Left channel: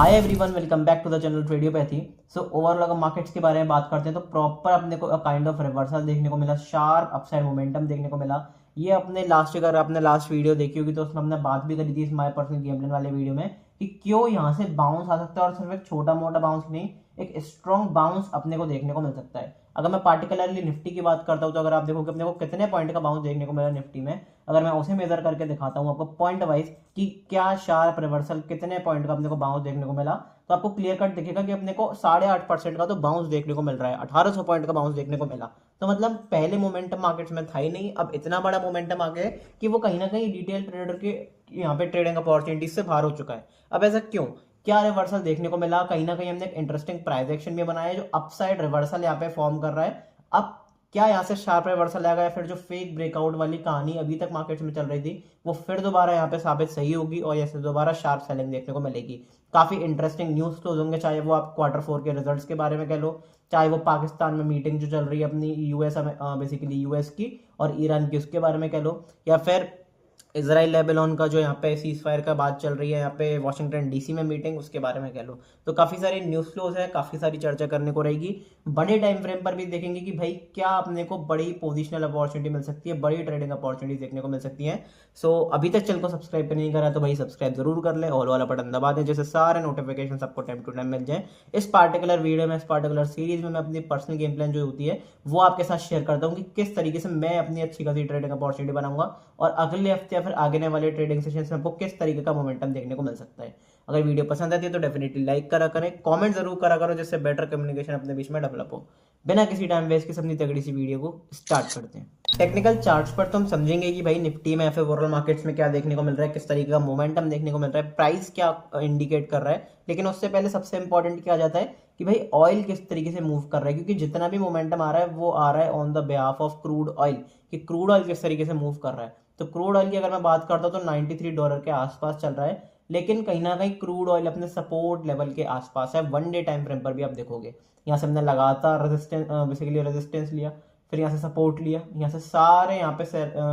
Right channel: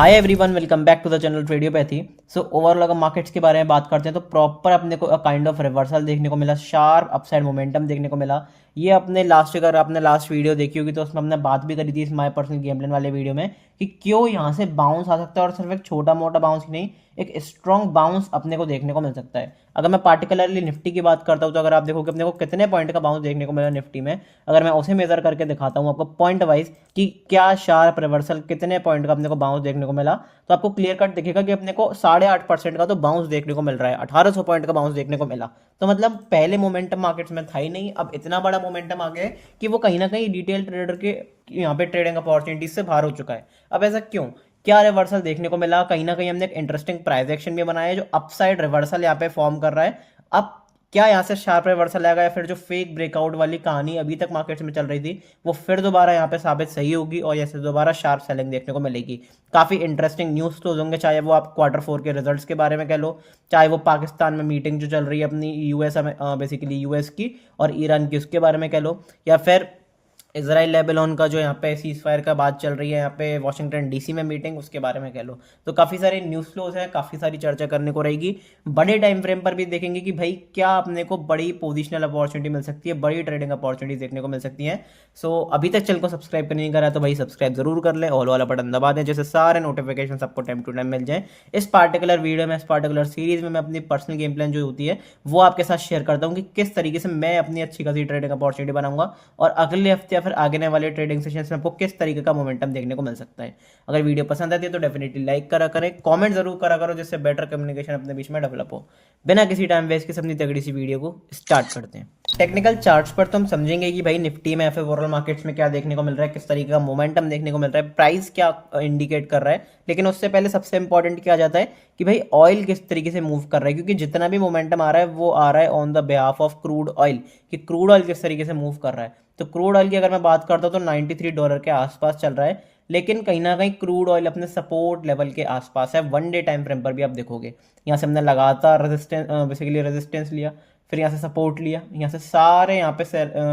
Hi everyone, welcome back to the channel Tradiopathy. So overall अगर markets के बारे में बात करते हैं तो प्रॉपर अपने को काइंड ऑफ रिवर्सल देखने को मिला, शार्प अपसाइड मोमेंटम देखने को मिला। ये अपने लास्ट, अगर आपने लास्ट वीडियो देखी होगी तो उसमें हमने बात भी करी थी is my personal game plan वाले वीडियो में कि क्यों यहाँ से बाउंस आ सकता है, और सिर्फ एक छोटा मोटा बाउंस ही नहीं, एक स्ट्रॉन्ग बाउंस अपने को देखने को मिल सकता है। अगर मैं पार्टिकुलरली निफ्टी की बात करता हूँ तो अगर आप देखोगे अपने को कितने पॉइंट का बाउंस देखने को मिला निफ्टी में, अगर मैं उसे मेजर करके दिखाता हूँ आपको पॉइंट वाइज कि क्या शार्प रिवर्सल कितने पॉइंट का अपने को बाउंस देखने को मिला, तो आपको क्लियर कट दिखेगा कि अपने को 8.5% का तो बाउंस देखने को मिल रहा है, 1800 पॉइंट का बाउंस देखने को मिला। तो मतलब पहले मोमेंटम मार्केट्स में था ही नहीं, अब इतना बड़ा मोमेंटम आ गया है कि वो कहीं ना कहीं डिटेल ट्रेडर के यहाँ पे ट्रेडिंग अपॉर्चुनिटीज से बाहर हो चुका है। अब ऐसा क्यों, क्या रिवर्सल देखने को मिला? कहीं ना कहीं हमने एक इंटरेस्टिंग प्राइस एक्शन भी बनाया है जो अपसाइड रिवर्सल यहाँ पे फॉर्म कर रहा है। अब क्या यहाँ से शार्प रिवर्सल आएगा, या फिर जो फेक ब्रेकआउट वाली कहानी अभी तक मार्केट्स में चल रही थी वो फिर दोबारा यहाँ पे साबित सही होगी और यहाँ से दोबारा शार्प सेलिंग देखने को मिलेगी। काफी इंटरेस्टिंग न्यूज तो होंगे, चाहे वो आप Q4 के रिजल्ट्स के बारे में कह लो, चाहे वो पाकिस्तान में मीटिंग जो चल रही है अपनी यूएस बेसिकली यूएस की और ईरान की उसके बारे में कह लो, या फिर इसराइल लेबनान का जो यहाँ पे सीज फायर का बात चल रही है यहाँ पे वॉशिंगटन डीसी में मीटिंग, उसके बारे में कह लो। तो काफ़ी सारे न्यूज़ फ्लोज हैं, काफ़ी सारी चर्चा करने को रहेगी। बड़े टाइम फ्रेम पर भी देखेंगे कि भाई क्या अपने को बड़ी पोजिशनल अपॉर्चुनिटी मिल सकती है, बड़ी ट्रेडिंग अपॉर्चुनिटी देखने को मिल सकती है। सो अभी तक चैनल को सब्सक्राइब नहीं करा तो भाई सब्सक्राइब जरूर कर ले, ऑल वाला बटन दबा दें जैसे सारे नोटिफिकेशन आपको टाइम टू टाइम मिल जाए। इस पार्टिकुलर वीडियो में, इस पार्टिकुलर सीरीज में मैं अपनी पर्सनल गेम प्लान जो होती है वो आपके साथ शेयर करता हूँ कि किस तरीके से मैं अपनी अच्छी खासी ट्रेडिंग अपॉर्चुनिटी बनाऊंगा और अगले हफ्ते या फिर आगे वाले ट्रेडिंग सेशंस में आपको किस तरीके का मोमेंटम देखने को मिल सकता है। अगर वीडियो पसंद आती है तो डेफिनेटली लाइक करा करें, कमेंट जरूर करा करो जिससे बेटर कम्युनिकेशन अपने बीच में डेवलप हो। बिना किसी टाइम वेस्ट के अपनी तगड़ी सी वीडियो को स्टार्ट करते हैं। टेक्निकल चार्ट्स पर तो हम समझेंगे कि भाई निफ्टी में या फिर ओवरऑल मार्केट्स में क्या देखने को मिल रहा है, किस तरीके का मोमेंटम देखने को मिल रहा है, प्राइस क्या इंडिकेट कर रहा है। लेकिन उससे पहले सबसे इंपॉर्टेंट क्या आ जाता है कि भाई ऑयल किस तरीके से मूव कर रहा है, क्योंकि जितना भी मोमेंटम आ रहा है वो आ रहा है on the behalf of crude oil, कि क्रूड ऑयल किस तरीके से मूव कर रहा है। तो क्रूड ऑयल की अगर मैं बात करता हूँ तो $93 के आसपास चल रहा है, लेकिन कहीं ना कहीं क्रूड ऑयल अपने सपोर्ट लेवल के आसपास है। वन डे टाइम फ्रेम पर भी आप देखोगे यहाँ से हमने लगातार रेजिस्टेंस, बेसिकली रेजिस्टेंस लिया, फिर यहाँ से सपोर्ट लिया, यहाँ से सारे यहाँ पे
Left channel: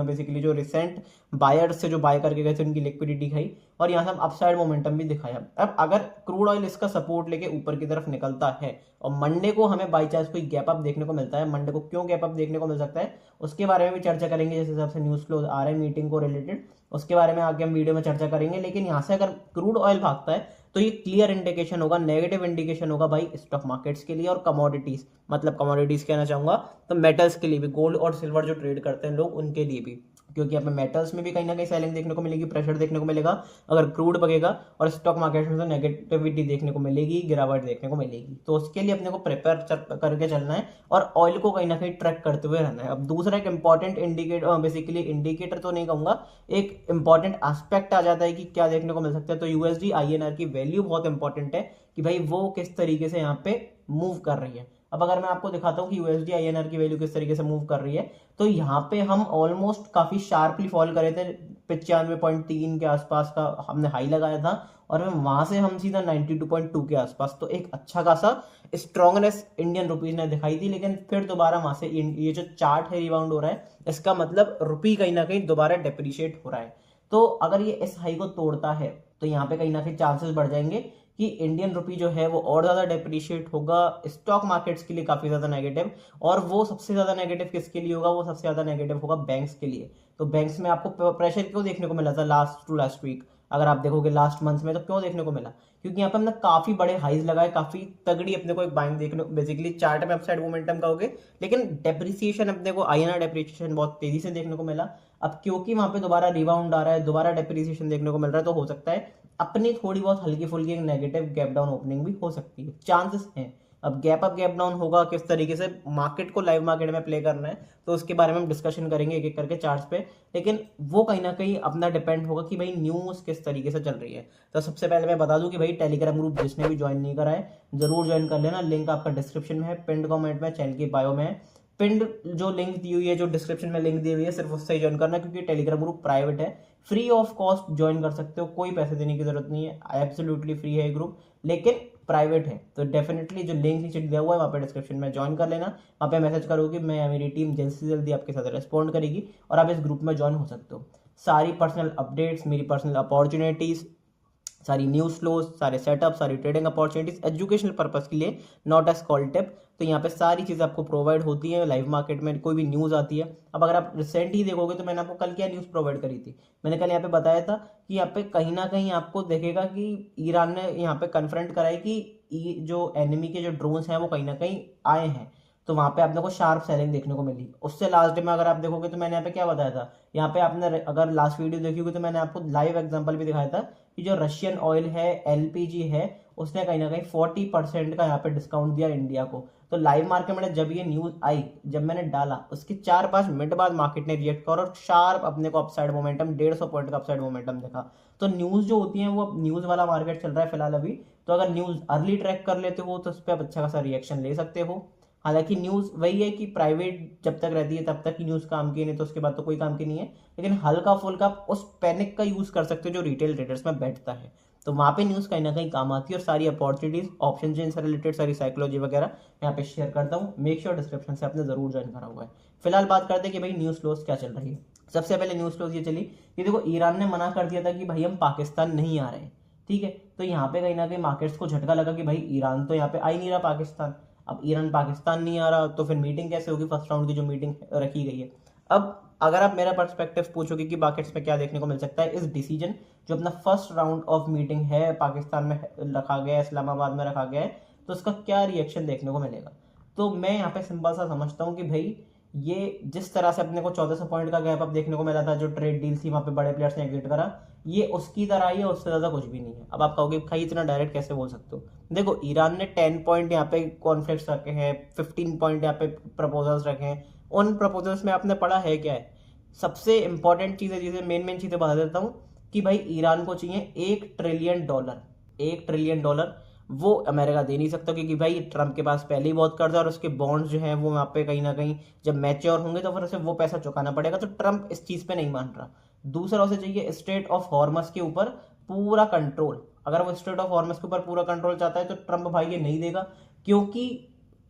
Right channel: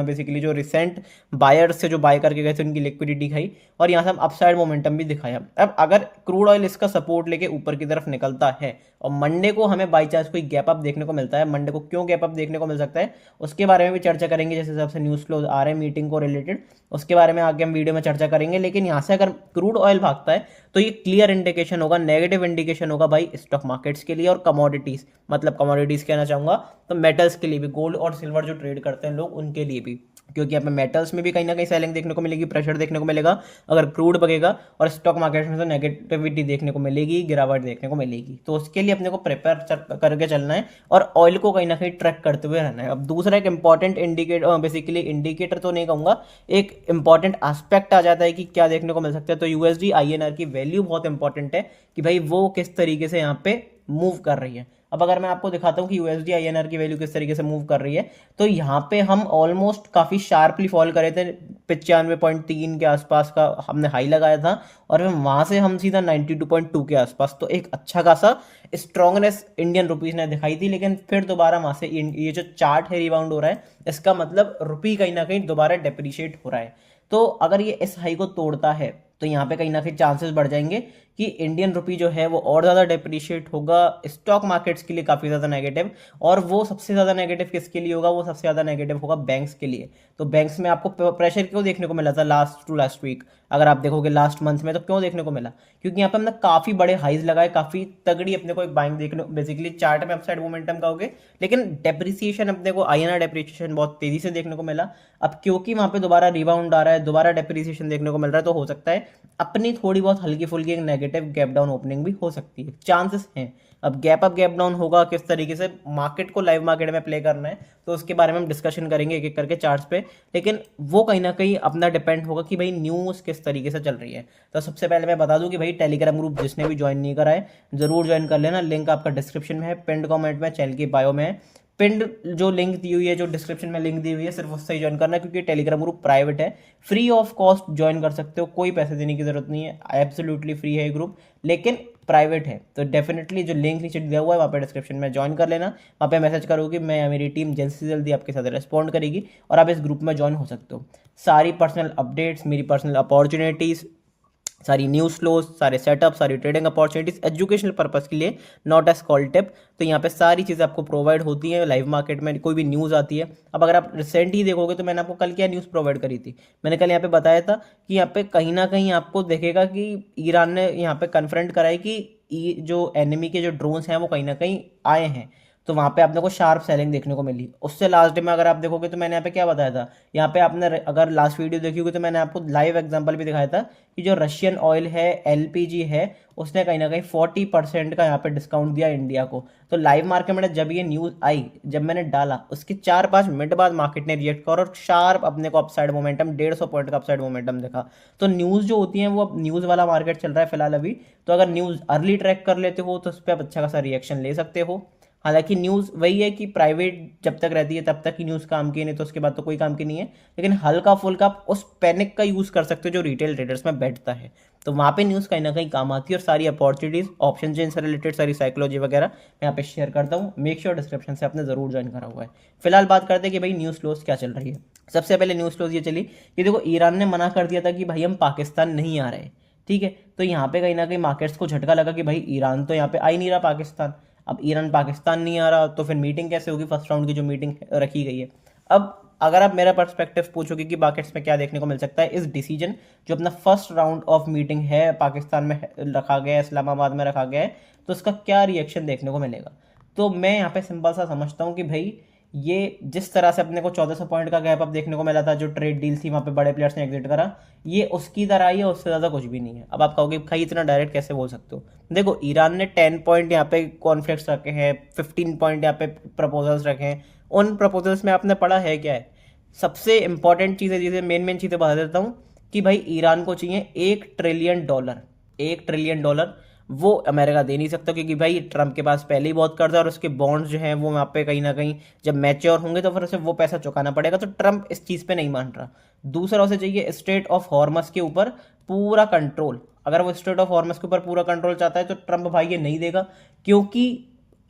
बेसिकली जो रिसेंट बायर्स से जो बाय करके गए थे उनकी लिक्विडिटी खाई, और यहाँ से हम अपसाइड मोमेंटम भी दिखाया। अब अगर क्रूड ऑयल इसका सपोर्ट लेके ऊपर की तरफ निकलता है और मंडे को हमें बाई चांस कोई गैप अप देखने को मिलता है, मंडे को क्यों गैप अप देखने को मिल सकता है उसके बारे में भी चर्चा करेंगे, जैसे हिसाब से न्यूज़ फ्लोज आ रहे हैं मीटिंग को रिलेटेड, उसके बारे में आगे हम वीडियो में चर्चा करेंगे। लेकिन यहाँ से अगर क्रूड ऑयल भागता है तो ये क्लियर इंडिकेशन होगा, नेगेटिव इंडिकेशन होगा भाई स्टॉक मार्केट्स के लिए और कमोडिटीज, मतलब कमोडिटीज कहना चाहूंगा तो मेटल्स के लिए भी, गोल्ड और सिल्वर जो ट्रेड करते हैं लोग उनके लिए भी, क्योंकि हमें मेटल्स में भी कहीं ना कहीं सेलिंग देखने को मिलेगी, प्रेशर देखने को मिलेगा अगर क्रूड बगेगा, और स्टॉक मार्केट में तो नेगेटिविटी देखने को मिलेगी, गिरावट देखने को मिलेगी। तो उसके लिए अपने को प्रिपेयर करके चलना है और ऑयल को कहीं ना कहीं ट्रैक करते हुए रहना है। अब दूसरा एक इंपॉर्टेंट इंडिकेटर, बेसिकली इंडिकेटर तो नहीं कहूंगा, एक इंपॉर्टेंट एस्पेक्ट आ जाता है कि क्या देखने को मिल सकता है। तो यूएसडी आईएनआर की वैल्यू बहुत इंपॉर्टेंट है कि भाई वो किस तरीके से यहाँ पे मूव कर रही है। अब अगर मैं आपको दिखाता हूँ कि यूएसडी आईएनआर की वैल्यू किस तरीके से मूव कर रही है, तो यहाँ पे हम ऑलमोस्ट काफी शार्पली फॉल करे थे, 95.3 के आसपास का हमने हाई लगाया था, और फिर वहां से हम सीधा 92.2 के आसपास, तो एक अच्छा खासा स्ट्रॉन्गनेस इंडियन रुपीज ने दिखाई थी। लेकिन फिर दोबारा वहां से ये जो चार्ट है रिबाउंड हो रहा है, इसका मतलब रुपी कहीं ना कहीं दोबारा डेप्रिशिएट हो रहा है। तो अगर ये इस हाई को तोड़ता है तो यहाँ पे कहीं ना कहीं चांसेस बढ़ जाएंगे कि इंडियन रुपी जो है वो और ज़्यादा डेप्रिशिएट होगा, स्टॉक मार्केट्स के लिए काफ़ी ज़्यादा नेगेटिव। और वो सबसे ज़्यादा नेगेटिव किसके लिए होगा? वो सबसे ज़्यादा नेगेटिव होगा बैंक्स के लिए। तो बैंक्स में आपको प्रेशर क्यों देखने को मिला था लास्ट टू लास्ट वीक, अगर आप देखोगे लास्ट मंथ में, तो क्यों देखने को मिला? क्योंकि यहाँ पे हमने काफ़ी बड़े हाइज लगाए, काफ़ी तगड़ी अपने को एक बाइंग देखने, बेसिकली चार्ट में अपसाइड मोमेंटम कहोगे, लेकिन डेप्रिसिएशन अपने को आईएनआर डेप्रिसिएशन बहुत तेजी से देखने को मिला। अब क्योंकि वहां पे दोबारा रिबाउंड आ रहा है, दोबारा डेप्रिसिएशन देखने को मिल रहा है, तो हो सकता है अपनी थोड़ी बहुत हल्की फुल्की एक नेगेटिव गैप डाउन ओपनिंग भी हो सकती है, चांसेस हैं। अब गैप अप गैप डाउन होगा, किस तरीके से मार्केट को लाइव मार्केट में प्ले करना है तो उसके बारे में हम डिस्कशन करेंगे एक एक करके चार्ट्स पे। लेकिन वो कहीं ना कहीं अपना डिपेंड होगा कि भाई न्यूज़ किस तरीके से चल रही है। तो सबसे पहले मैं बता दूं कि भाई टेलीग्राम ग्रुप जिसने भी ज्वाइन नहीं करा है जरूर ज्वाइन कर लेना, लिंक आपका डिस्क्रिप्शन में है, पिंड कमेंट में, चैनल की बायो में है। पिंड जो लिंक दी हुई है, जो डिस्क्रिप्शन में लिंक दी हुई है, सिर्फ उससे ही ज्वाइन करना है, क्योंकि टेलीग्राम ग्रुप प्राइवेट है, फ्री ऑफ कॉस्ट ज्वाइन कर सकते हो, कोई पैसे देने की जरूरत नहीं है, एब्सोल्युटली फ्री है ये ग्रुप, लेकिन प्राइवेट है। तो डेफिनेटली जो लिंक नीचे दिया हुआ है वहाँ पे डिस्क्रिप्शन में ज्वाइन कर लेना, वहाँ पे मैसेज करोगे, मैं मेरी टीम जल्द से जल्दी आपके साथ रिस्पॉन्ड करेगी और आप इस ग्रुप में ज्वाइन हो सकते हो। सारी पर्सनल अपडेट्स, मेरी पर्सनल अपॉर्चुनिटीज़, सारी न्यूज़ फ्लोज, सारे सेटअप, सारी ट्रेडिंग अपॉर्चुनिटीज एजुकेशनल पर्पस के लिए, नॉट एज कॉल टिप। तो यहाँ पे सारी चीज़ें आपको प्रोवाइड होती हैं लाइव मार्केट में। कोई भी न्यूज़ आती है, अब अगर आप रिसेंट ही देखोगे तो मैंने आपको कल क्या न्यूज़ प्रोवाइड करी थी, मैंने कल यहाँ पे बताया था कि यहाँ पे कहीं ना कहीं आपको देखेगा कि ईरान ने यहाँ पे कन्फ्रंट करा है कि जो एनिमी के जो ड्रोन्स हैं वो कहीं ना कहीं आए हैं। तो वहाँ पे आपने को शार्प सेलिंग देखने को मिली। उससे लास्ट डे में अगर आप देखोगे तो मैंने यहाँ पे क्या बताया था, यहाँ पे आपने अगर लास्ट वीडियो देखी होगी तो मैंने आपको लाइव एग्जांपल भी दिखाया था कि जो रशियन ऑयल है, एलपीजी है, उसने कहीं ना कहीं 40% का यहाँ पे डिस्काउंट दिया इंडिया को। तो लाइव मार्केट में जब ये न्यूज़ आई, जब मैंने डाला उसके 4-5 मिनट बाद मार्केट ने रिएक्ट कर और शार्प अपने को अपसाइड मोमेंटम 150 पॉइंट का अपसाइड मोमेंटम देखा। तो न्यूज़ जो होती है वो अब न्यूज़ वाला मार्केट चल रहा है फिलहाल अभी। तो अगर न्यूज़ अर्ली ट्रैक कर लेते हो तो उस पर आप अच्छा खासा रिएक्शन ले सकते हो। हालांकि न्यूज़ वही है कि प्राइवेट जब तक रहती है तब तक ही न्यूज़ काम की, नहीं तो उसके बाद तो कोई काम की नहीं है। लेकिन हल्का फुल्का आप उस पैनिक का यूज़ कर सकते हो जो रिटेल ट्रेडर्स में बैठता है। तो वहाँ पे न्यूज़ कहीं ना कहीं काम आती है। और सारी अपॉर्चुनिटीज ऑप्शन चेन से रिलेटेड सारी साइकोलॉजी वगैरह मैं यहाँ पे शेयर करता हूँ। मेक श्योर डिस्क्रिप्शन से आपने जरूर ज्वाइन करा हुआ है। फिलहाल बात करते हैं कि भाई न्यूज़ फ्लोज क्या चल रही है। सबसे पहले न्यूज़ फ्लोज ये चली कि देखो ईरान ने मना कर दिया था कि भाई हम पाकिस्तान नहीं आ रहे। ठीक है, तो यहाँ पे कहीं ना कहीं मार्केट्स को झटका लगा कि भाई ईरान तो यहाँ पे आ ही नहीं रहा पाकिस्तान। अब ईरान पाकिस्तान नहीं आ रहा तो फिर मीटिंग कैसे होगी, फर्स्ट राउंड की जो मीटिंग रखी गई है। अब अगर आप मेरा पर्सपेक्टिव पूछोगे कि मार्केट्स में क्या देखने को मिल सकता है, इस डिसीजन जो अपना फर्स्ट राउंड ऑफ मीटिंग है पाकिस्तान में रखा गया है, इस्लामाबाद में रखा गया है, तो उसका क्या रिएक्शन देखने को मिलेगा। तो मैं यहाँ पे सिंपल सा समझता हूँ कि भाई ये जिस तरह से अपने को 1400 पॉइंट का गैप अप देखने को मिला था, जो ट्रेड डील थी वहाँ पे बड़े प्लेयर्स ने एग्जिट करा, ये उसकी तरह ही है, उससे ज़्यादा कुछ भी नहीं है। अब आप कहोगे भाई इतना डायरेक्ट कैसे बोल सकते हो। देखो ईरान ने 10 पॉइंट यहाँ पे कॉन्फ्लिक्ट्स रखे हैं, 15 पॉइंट यहाँ पे प्रपोजल्स रखे हैं। उन प्रपोजल्स में आपने पढ़ा है क्या है। सबसे इंपॉर्टेंट चीज़ें, चीज़ें मेन चीज़ें बता देता हूँ कि भाई ईरान को चाहिए $1 ट्रिलियन। $1 ट्रिलियन वो अमेरिका दे नहीं सकता, क्योंकि भाई ट्रम्प के पास पहले ही बहुत कर्जा है और उसके बॉन्ड्स जो हैं वो वहाँ पे कहीं ना कहीं जब मैच्योर होंगे तो फिर उसे वो पैसा चुकाना पड़ेगा। तो ट्रम्प इस चीज़ पे नहीं मान रहा। दूसरा उसे चाहिए स्ट्रेट ऑफ हॉर्मस के ऊपर पूरा कंट्रोल। अगर वो स्ट्रेट ऑफ हॉर्मस के ऊपर पूरा कंट्रोल चाहता है तो ट्रम्प भाई ये नहीं देगा, क्योंकि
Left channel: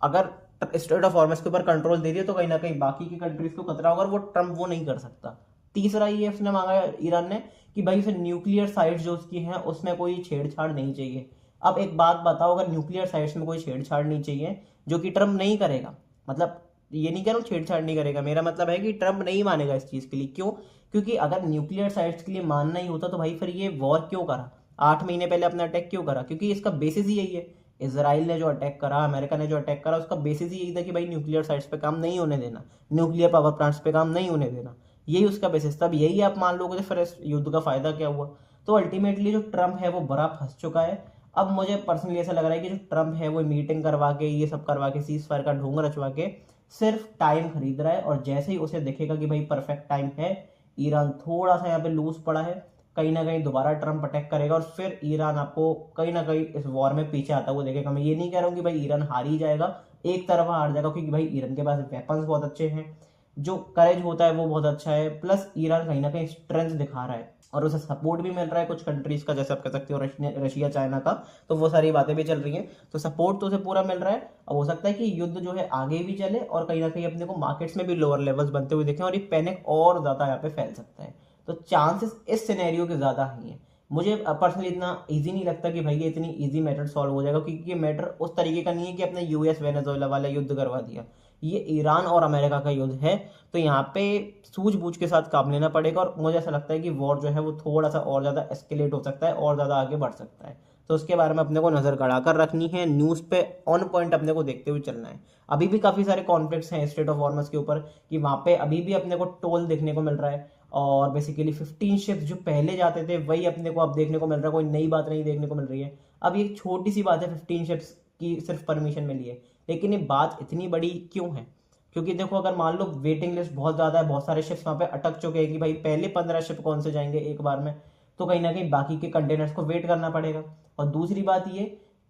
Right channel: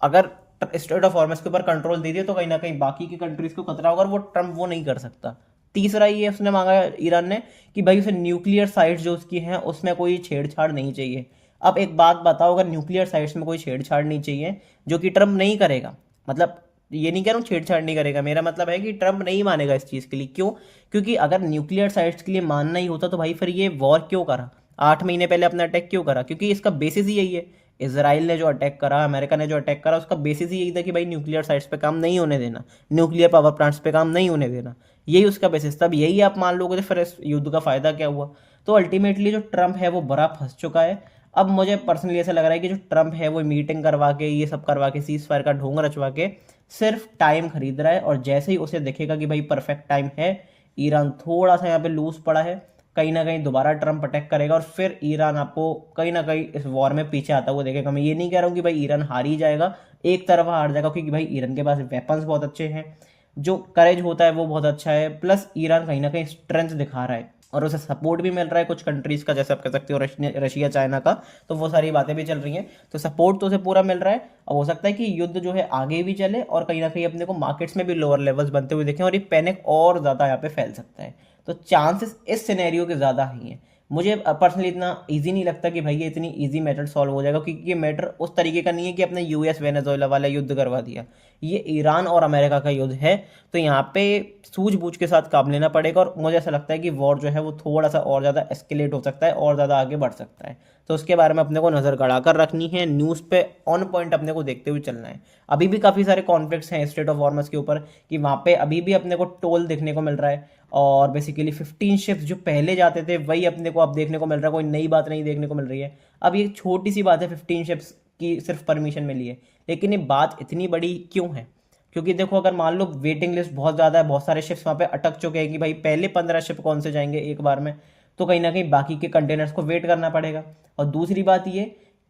अगर स्ट्रेट ऑफ हॉर्मस के ऊपर कंट्रोल दे दिया तो कहीं ना कहीं बाकी की कंट्रीज को खतरा होगा और वो ट्रम्प वो नहीं कर सकता। तीसरा ये उसने मांगा ईरान ने कि भाई उसे न्यूक्लियर साइट्स जो उसकी हैं उसमें कोई छेड़छाड़ नहीं चाहिए। अब एक बात बताओ, अगर न्यूक्लियर साइट्स में कोई छेड़छाड़ नहीं चाहिए, जो कि ट्रम्प नहीं करेगा, मतलब ये नहीं कह रहा हूँ छेड़छाड़ नहीं करेगा, मेरा मतलब है कि ट्रम्प नहीं मानेगा इस चीज़ के लिए। क्यों? क्योंकि अगर न्यूक्लियर साइट्स के लिए मानना ही होता तो भाई फिर ये वॉर क्यों करा, 8 महीने पहले अपना अटैक क्यों करा? क्योंकि इसका बेसिस ही यही है। इसराइल ने जो अटैक करा, अमेरिका ने जो अटैक करा, उसका बेसिस ही यही था कि भाई न्यूक्लियर साइट्स पे काम नहीं होने देना, न्यूक्लियर पावर प्लांट्स पे काम नहीं होने देना। यही उसका बेसिस था। अब यही आप मान लोगे तो फिर इस युद्ध का फायदा क्या हुआ। तो अल्टीमेटली जो ट्रम्प है वो बड़ा फंस चुका है। अब मुझे पर्सनली ऐसा लग रहा है कि जो ट्रम्प है वो मीटिंग करवा के ये सब करवा के सीज फायर का ढोंग रचवा के सिर्फ टाइम खरीद रहा है। और जैसे ही उसे दिखेगा कि भाई परफेक्ट टाइम है, ईरान थोड़ा सा यहाँ पे लूज पड़ा है, कहीं ना कहीं दोबारा ट्रम्प अटैक करेगा और फिर ईरान आपको कहीं ना कहीं इस वॉर में पीछे आता हुआ देखेगा। मैं ये नहीं कह रहा हूँ कि भाई ईरान हार ही जाएगा, एक तरफा हार जाएगा, क्योंकि भाई ईरान के पास वेपन्स बहुत अच्छे हैं, जो करेज होता है वो बहुत अच्छा है, प्लस ईरान कहीं ना कहीं स्ट्रेंथ दिखा रहा है और उसे सपोर्ट भी मिल रहा है कुछ कंट्रीज का, जैसे आप कह सकते हो रशिया चाइना का। तो वो सारी बातें भी चल रही हैं, तो सपोर्ट तो उसे पूरा मिल रहा है। और हो सकता है कि युद्ध जो है आगे भी चले और कहीं ना कहीं अपने को मार्केट्स में भी लोअर लेवल्स बनते हुए देखें और ये पैनिक और ज़्यादा यहाँ पे फैल सकता है। तो चांसेस इस सिनेरियो के ज़्यादा ही हैं। मुझे पर्सनली इतना इजी नहीं लगता कि भाई ये इतनी इजी मैटर सॉल्व हो जाएगा, क्योंकि ये मैटर उस तरीके का नहीं है कि अपने यूएस वेनेजुएला वाला युद्ध करवा दिया। ये ईरान और अमेरिका का युद्ध है, तो यहाँ पे सूझबूझ के साथ काम लेना पड़ेगा। और मुझे ऐसा लगता है कि वॉर जो है वो थोड़ा सा और ज़्यादा एस्केलेट हो सकता है और ज़्यादा आगे बढ़ सकता है। तो उसके बारे में अपने को नज़र गड़ा कर रखनी है, न्यूज़ पे ऑन पॉइंट अपने को देखते हुए चलना है। अभी भी काफ़ी सारे कॉन्फ्लिक्ट्स हैं स्ट्रेट ऑफ हॉर्मस के ऊपर, कि वहाँ पे अभी भी अपने को टोल देखने को मिल रहा है। और बेसिकली 15 शिप्स जो पहले जाते थे वही अपने को अब देखने को मिल रहा है, कोई नई बात नहीं देखने को मिल रही है। अब ये छोटी सी बात है, 15 शिप्स की सिर्फ परमिशन मिली है, लेकिन ये बात इतनी बड़ी क्यों है? क्योंकि देखो अगर मान लो वेटिंग लिस्ट बहुत ज़्यादा है, बहुत सारे शिप्स वहाँ पे अटक चुके हैं कि भाई पहले 15 शिप कौन से जाएंगे एक बार में, तो कहीं ना कहीं बाकी के कंटेनर्स को वेट करना पड़ेगा। और दूसरी बात ये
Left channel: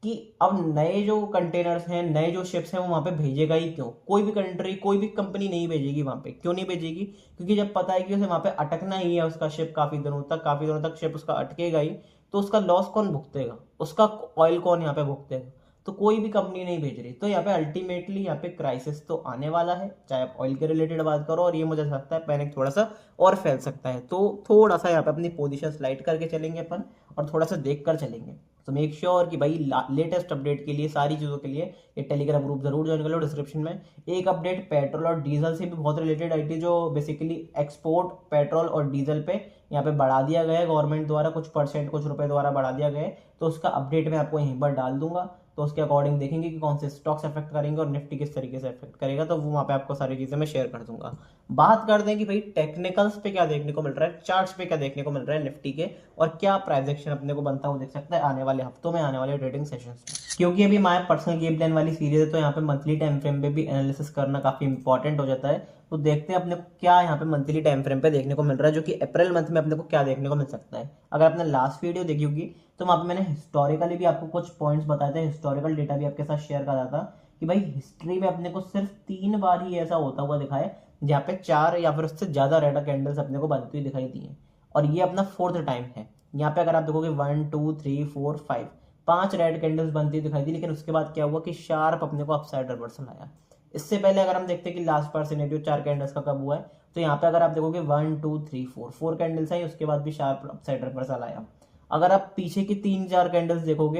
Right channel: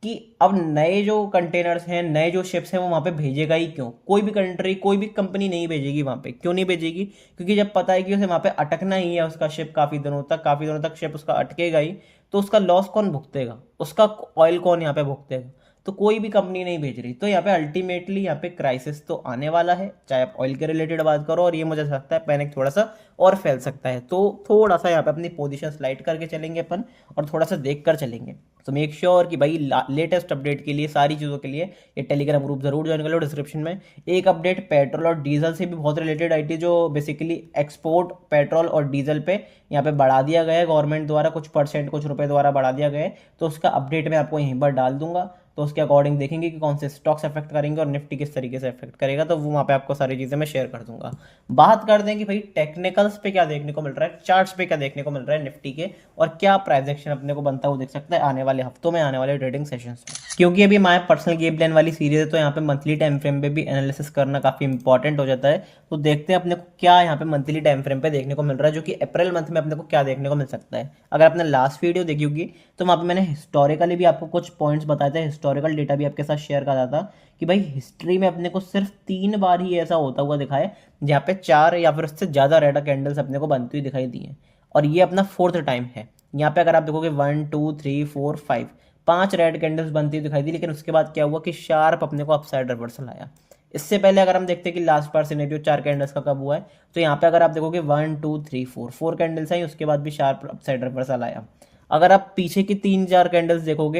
कि अब नए जो कंटेनर्स हैं, नए जो शिप्स हैं, वो वहाँ पे भेजेगा ही क्यों? कोई भी कंट्री, कोई भी कंपनी नहीं भेजेगी वहाँ पे। क्यों नहीं भेजेगी? क्योंकि जब पता है कि उसे वहाँ पे अटकना ही है, उसका शिप काफ़ी दिनों तक शिप उसका अटकेगा ही, तो उसका लॉस कौन भुगतेगा? उसका ऑयल कौन यहाँ पे भुगतेगा? तो कोई भी कंपनी नहीं भेज रही। तो यहाँ पे अल्टीमेटली यहाँ पे क्राइसिस तो आने वाला है, चाहे आप ऑयल के रिलेटेड बात करो, और ये मुझे लगता है पैनिक थोड़ा सा और फैल सकता है। तो थोड़ा सा यहाँ पे अपनी पोजीशन स्लाइड करके चलेंगे अपन, और थोड़ा सा देख कर चलेंगे। तो मेक श्योर कि भाई लेटेस्ट अपडेट के लिए, सारी चीज़ों के लिए ये टेलीग्राम ग्रुप जरूर ज्वाइन कर लो। डिस्क्रिप्शन में एक अपडेट पेट्रोल और डीजल से भी बहुत रिलेटेड आई थी, जो बेसिकली एक्सपोर्ट पेट्रोल और डीजल पे यहाँ पे बढ़ा दिया गया है गवर्नमेंट द्वारा, कुछ परसेंट कुछ रुपए द्वारा बढ़ा दिया गया है। तो उसका अपडेट मैं आपको यहीं पर डाल दूंगा। तो उसके अकॉर्डिंग देखेंगे कि कौन से स्टॉक्स अफेक्ट करेंगे और निफ्टी किस तरीके से अफेक्ट करेगा, तो वो वहाँ पे आपको सारी चीज़ें मैं शेयर कर दूंगा। बात करते हैं कि भाई टेक्निकल्स पे क्या देखने को मिल रहा है, चार्ट्स पे क्या देखने को मिल रहा है निफ्टी के, और क्या प्राइस एक्शन अपने को बनता है वो देख सकता है आने वाले हफ्तों में, आने वाले ट्रेडिंग सेशंस में। क्योंकि अभी हमारे पर्सनल गेम प्लान वाली सीरीज है, तो यहाँ पे मंथली टाइम फ्रेम पे भी एनालिसिस करना काफी इंपॉर्टेंट हो जाता है। तो देखते हैं अपने को क्या यहाँ पे मंथली टाइम फ्रेम पे देखने को मिल रहा है, जो कि अप्रैल मंथ में अपने को क्या देखने को मिल सकता है। अगर आपने लास्ट वीडियो देखी होगी तो वहाँ पे मैंने हिस्टोरिकली भी आपको कुछ पॉइंट्स बताए थे, हिस्टोरिकल डेटा भी आपके साथ शेयर करा था कि भाई हिस्ट्री में अपने को सिर्फ 3 बार ही ऐसा होता हुआ दिखा है जहाँ पे 4 या फिर उससे ज्यादा रेड कैंडल्स अपने को बनती हुई दिखाई दी है, और ये अपना 4th टाइम है। यहाँ पे अगर आप देखोगे 1 2 3 4 5 5 रेड कैंडल्स बनती हुई दिखाई दी, लेकिन उसके बाद क्या हुआ कि शार्प अपने को अपसाइड रिवर्सल आया। इससे पहले अगर हम देखते हैं कि लास्ट बार सिनेरियो 4 कैंडल्स का कब हुआ है, तो यहाँ पे अगर आप देखोगे 1 2 3 4 कैंडल्स आई, उसके बाद भी शार्प अपसाइड रिवर्सल आया। अगर आप पीछे की 3 4 कैंडल्स देखोगे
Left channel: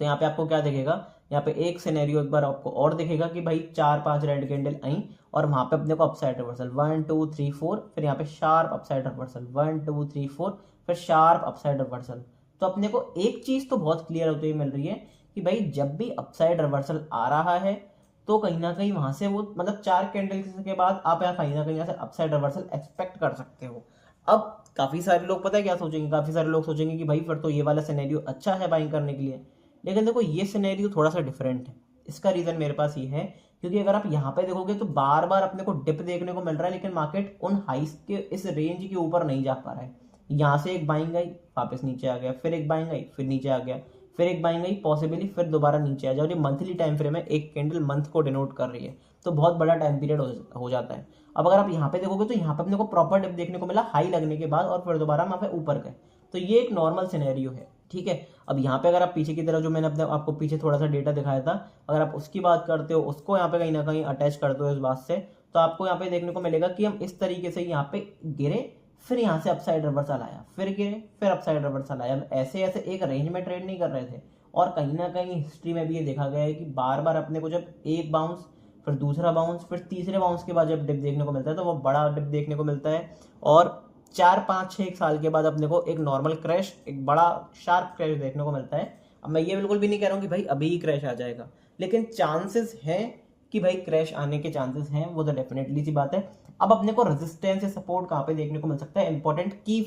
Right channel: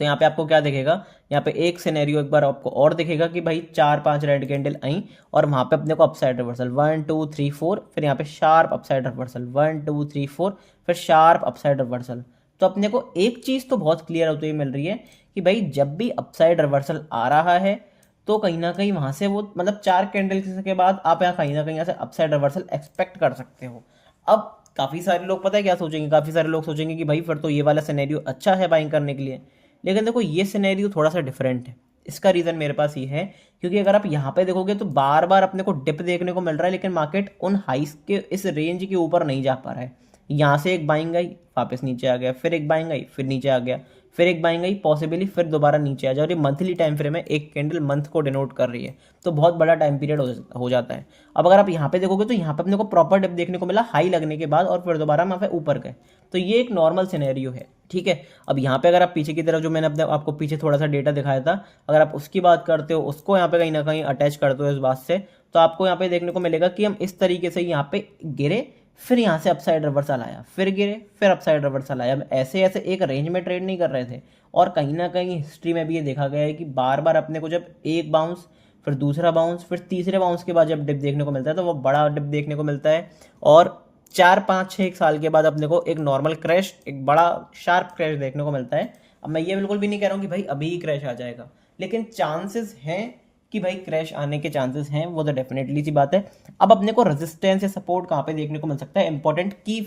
तो यहाँ पे आपको क्या दिखेगा, यहाँ पे एक सिनेरियो एक बार आपको और दिखेगा कि भाई 4 5 रेड कैंडल आई और वहां पे अपने को अपसाइड रिवर्सल 1 2 3 4, फिर यहाँ पे शार्प अपसाइड रिवर्सल 1 2 3 4, फिर शार्प अपसाइड रिवर्सल। तो अपने को एक चीज तो बहुत क्लियर होती हुई मिल रही है कि भाई जब भी अपसाइड रिवर्सल आ रहा है तो कहीं ना कहीं वहां से वो मतलब 4 कैंडल के बाद आप यहाँ कहीं ना कहीं यहाँ से अपसाइड रिवर्सल एक्सपेक्ट कर सकते हो। अब काफी सारे लोग पता है क्या सोचेंगे, काफी सारे लोग सोचेंगे कि भाई फिर तो ये वाला सिनेरियो अच्छा है बाइंग करने के लिए। लेकिन देखो ये सिनेरियो थोड़ा सा डिफरेंट है। इसका रीजन मेरे पास ये है क्योंकि अगर आप यहाँ पे देखोगे तो बार बार अपने को डिप देखने को मिल रहा है, लेकिन मार्केट उन हाइस के इस रेंज के ऊपर नहीं जा पा रहा है। यहाँ से एक बाइंग आई, वापस नीचे आ गया, फिर एक बाइंग आई, फिर नीचे आ गया, फिर एक बाइंग आई, पॉसिबली फिर दोबारा नीचे आ जाए। और ये मंथली टाइम फ्रेम है, एक कैंडल मंथ को डिनोट कर रही है, तो बहुत बड़ा टाइम पीरियड हो जाता है। अब अगर आप यहाँ पे देखोगे तो यहाँ पे अपने को प्रॉपर डिप देखने को मिला हाई लगने के बाद, और फिर दोबारा वहाँ पे ऊपर गए। तो ये एक नॉर्मल सिनेरियो है, ठीक है। अब यहाँ पे अगर आप पीछे की तरफ जो मैंने अपने आपको पीछे थोड़ा सा डेटा दिखाया था, अगर आप उसकी बात करते हो, उसको यहाँ पे कहीं ना कहीं अटैच करते हो इस बात से, तो आपको यहाँ पे देखने को मिलेगा कि हम इस तरीके से यहाँ पे गिरे, फिर यहाँ से अपसाइड रिवर्सल आया, फिर गिरे, फिर अपसाइड रिवर्सल आया। हम ऐसे ऐसे एक रेंज में ट्रेड नहीं कर रहे थे। और कहीं ना कहीं हिस्ट्री में भी ये देखा गया है कि बार बार अपने को जब एक बाउंस, फिर दूसरा बाउंस, फिर तीसरे बाउंस के बाद जब डिप देखने को मिलता है तो वो बड़ा डिप देखने को मिलता है। और 4 5 6 1 साल के बाद अपने को एक नॉर्मल क्रैश, एक बड़ा शार्प क्रैश देखने को मिलता है। अब मैं ये बिल्कुल भी नहीं कह रहा हूँ कि भाई अभी ही क्रैश आ जाएगा, लेकिन चांसेस हैं कि भाई क्रैश आने के चांसेस हैं, वो तो डेफिनेटली सी बात है। अब अपने को रेजिस्टेंस या सपोर्ट कहाँ पे देखने को मिल सकता है, इंपॉर्टेंट की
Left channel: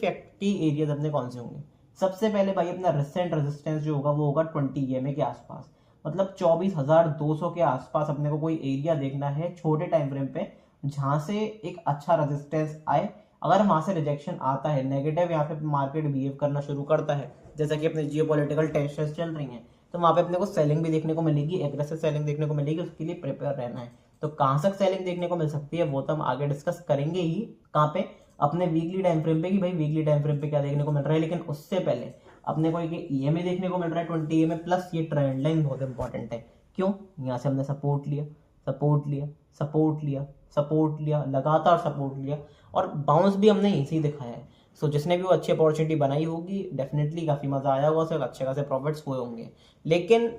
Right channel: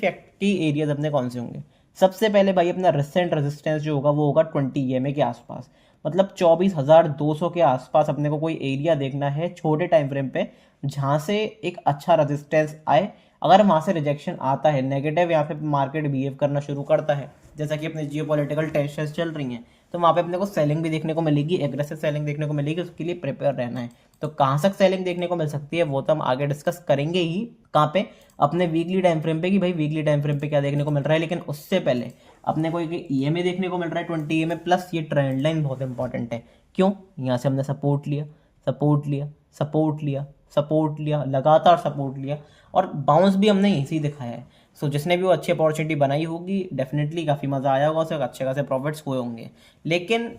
एरियाज अपने कौन से होंगे। सबसे पहले भाई अपना रिसेंट रेजिस्टेंस जो होगा वो होगा 20 EMA के आसपास, मतलब 24,200 के आसपास अपने को कोई एरिया देखना है छोटे टाइम फ्रेम पे, जहां से एक अच्छा रेजिस्टेंस आए। अगर वहां से रिजेक्शन आता है, नेगेटिव यहाँ पे मार्केट बिहेव करना शुरू करता है, जैसा कि अपने जियोपॉलिटिकल टेंशन चल रही हैं, तो वहां पे अपने को सेलिंग भी देखने को मिलेगी, एग्रेसिव सेलिंग देखने को मिलेगी। उसके लिए प्रिपेयर रहना है। तो कहाँ तक सेलिंग देखने को मिल सकती है वो तो हम आगे डिस्कस करेंगे ही, कहाँ पे, अपने वीकली टाइम फ्रेम पे, कि भाई वीकली टाइम फ्रेम पे क्या देखने को मिल रहा है। लेकिन उससे पहले अपने को एक EMA देखने को मिल रहा है 20 EMA प्लस। ये ट्रेंड लाइन बहुत इंपॉर्टेंट है। क्यों? यहाँ से हमने सपोर्ट लिया, सपोर्ट लिया, सपोर्ट लिया, सपोर्ट लिया, लगातार सपोर्ट लिया, और बाउंस भी हमने यहीं से ही दिखाया है। सो जिसने भी वो अच्छी अपॉर्चुनिटी बनाई होगी, डेफिनेटली काफ़ी मज़ा आया होगा, उससे अच्छे खासे प्रॉफिट्स हुए होंगे। लेकिन